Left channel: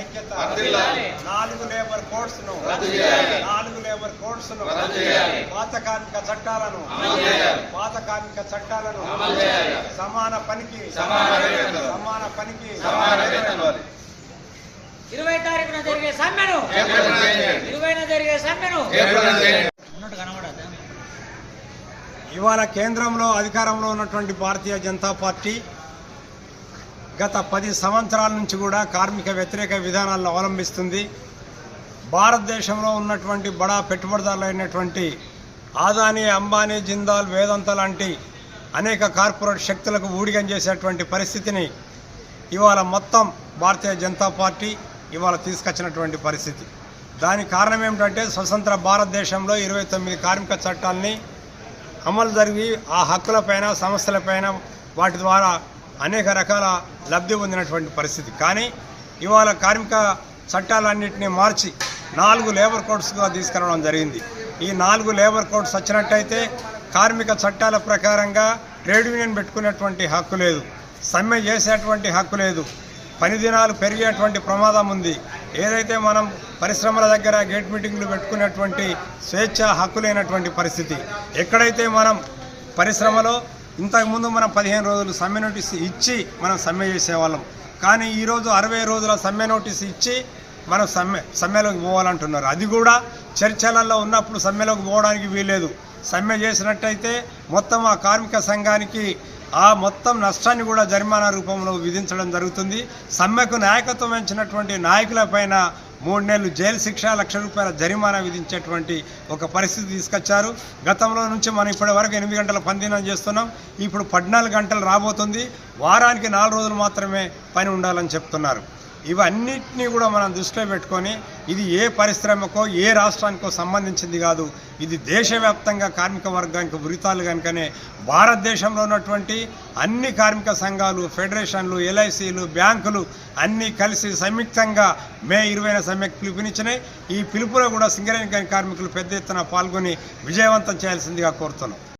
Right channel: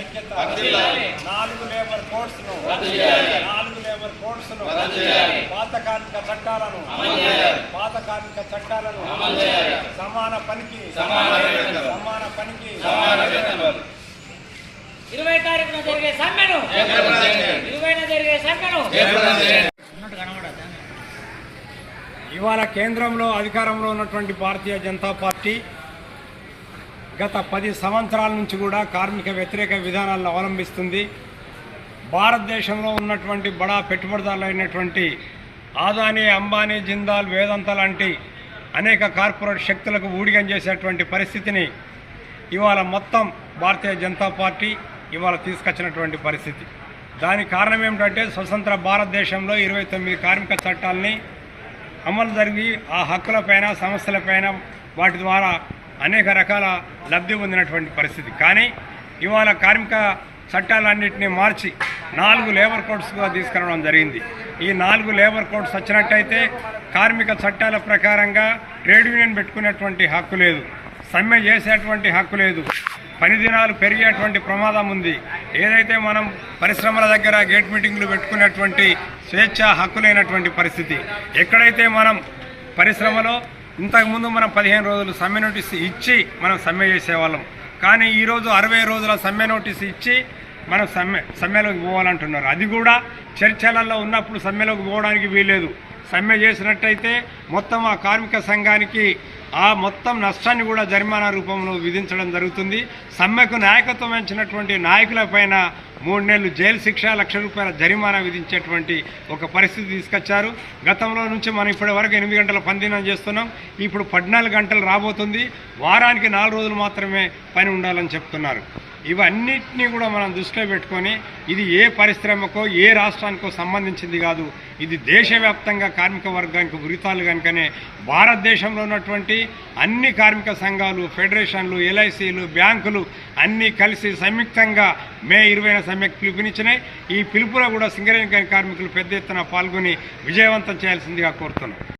ఐక్యత, 4 labour codes ను, 4 labour codes ను, పాత కార్మిక చట్టాలను, సమాన పనికి 20 తారీఖున జరిగే సమ్మెను ఇవాళ కేంద్రంలో అధికారంలో ఉన్నటువంటి భారతీయ జనతా పార్టీ గత 10 సంవత్సరాల నుంచి కూడా కార్మిక వ్యతిరేక విధానాలను అవలంబిస్తుంది. భారతదేశంలో ఉన్నటువంటి బడా పెట్టుబడిదారులు అయినటువంటి ఆదాని, అంబానీ, జిందాల్, వేదాంత లాంటి అనేక కార్పొరేట్ శక్తులకు ఊడిగం చేసేటువంటి పరిస్థితిని ఇవాళ మొత్తం భారతీయ జనతా పార్టీ ఇవాళ తీసుకొచ్చినటువంటి పరిస్థితి. దానికి కారణం ఏమిటంటే స్వతంత్ర భారతదేశంలో 29 కార్మిక చట్టాలని అమలు జరిగి ఆ హక్కులపైన, సమస్యలపైన వాటి ద్వారా అనేక రకాల లబ్ధి పొందినటువంటి పరిస్థితి. కానీ ఇవాళ కార్మిక చట్టాలన్నింటినీ మార్చి 4 లేబర్ కోడ్స్గా తీసుకురావడం జరిగింది. ఈ 4 లేబర్ కోడ్స్ వచ్చినట్టయితే కార్మిక చట్టాల ప్రకారంగా ట్రేడ్ యూనియన్ పెట్టుకునేటువంటి హక్కు లేదు, సమ్మె చేసేటువంటి హక్కు లేదు, పని దినాలు పెరిగేటువంటి ప్రమాదం ఉంది. ఏదైతే మనం పరిశ్రమల దగ్గర గేట్ మీటింగ్లు పెట్టుకునేటువంటి స్వేచ్ఛ హక్కు లేనటువంటి పరిస్థితి. ఎక్కడైతే మనం పరిశ్రమలో ఇంతకుముందు మనం 15 రోజులు సమ్మె నోటీస్ ఇచ్చి మనం సమ్మె చేసేవాళ్ళం. కానీ ఈరోజు 60 రోజుల సమ్మె నోటీస్ ఇచ్చి మనం సమ్మెలోకి పోవాలంటున్నారు. అది కూడా చర్చలలో ఉన్నప్పుడు సమ్మెలోకి పోవడానికి వీల్లేదు. సమ్మె చేసినట్టయితే మొత్తం ఆ కార్మిక సంఘానికి ఆ మొత్తం నష్టాన్ని కూడా జరిమానా రూపంలో విధించడం జరుగుతుంది. సమ్మెకు నాయకత్వం వహించినటువంటి నాయకులపైన 3 నెలలు జైలు శిక్ష, ₹1,00,000 జరిమానా విధించేటువంటి ఒక పరిస్థితి తీసుకొచ్చారు. గతంలో నుంచి మనం ఇప్పటి వరకు 8 గంటల పనిదినం చేస్తున్నాం. ఇప్పుడు 14 గంటలు రాబోతుంది. వారానికి 4 రోజులు మాత్రమే పని ఉండాలని చెప్తున్నారు. ఇవన్నిటినీ కూడా మనం దృష్టిలో పెట్టుకొని ఇది ఏ పరిశ్రమకో ఏ రాష్ట్రానికో సంబంధించింది కాదు, ఇది దేశవ్యాప్తంగా కార్మిక వర్గానికి ఉరితాలు కనుకనే భారతదేశంలో ఉన్నటువంటి అన్ని కార్మిక సంఘాలు, ఫెడరేషన్లు, ఎల్ఐసీలు, బ్యాంకులు అన్నీ కలిసి సంయుక్తంగా మే 20న సమ్మెకు పిలుపునిచ్చినాయి. ఈ పిలుపులో కూడా సింగరేణి కార్మికులు పెద్ద ఎత్తున పాల్గొని విజయవంతం చేయాల్సిందిగా కోరుతున్నాం.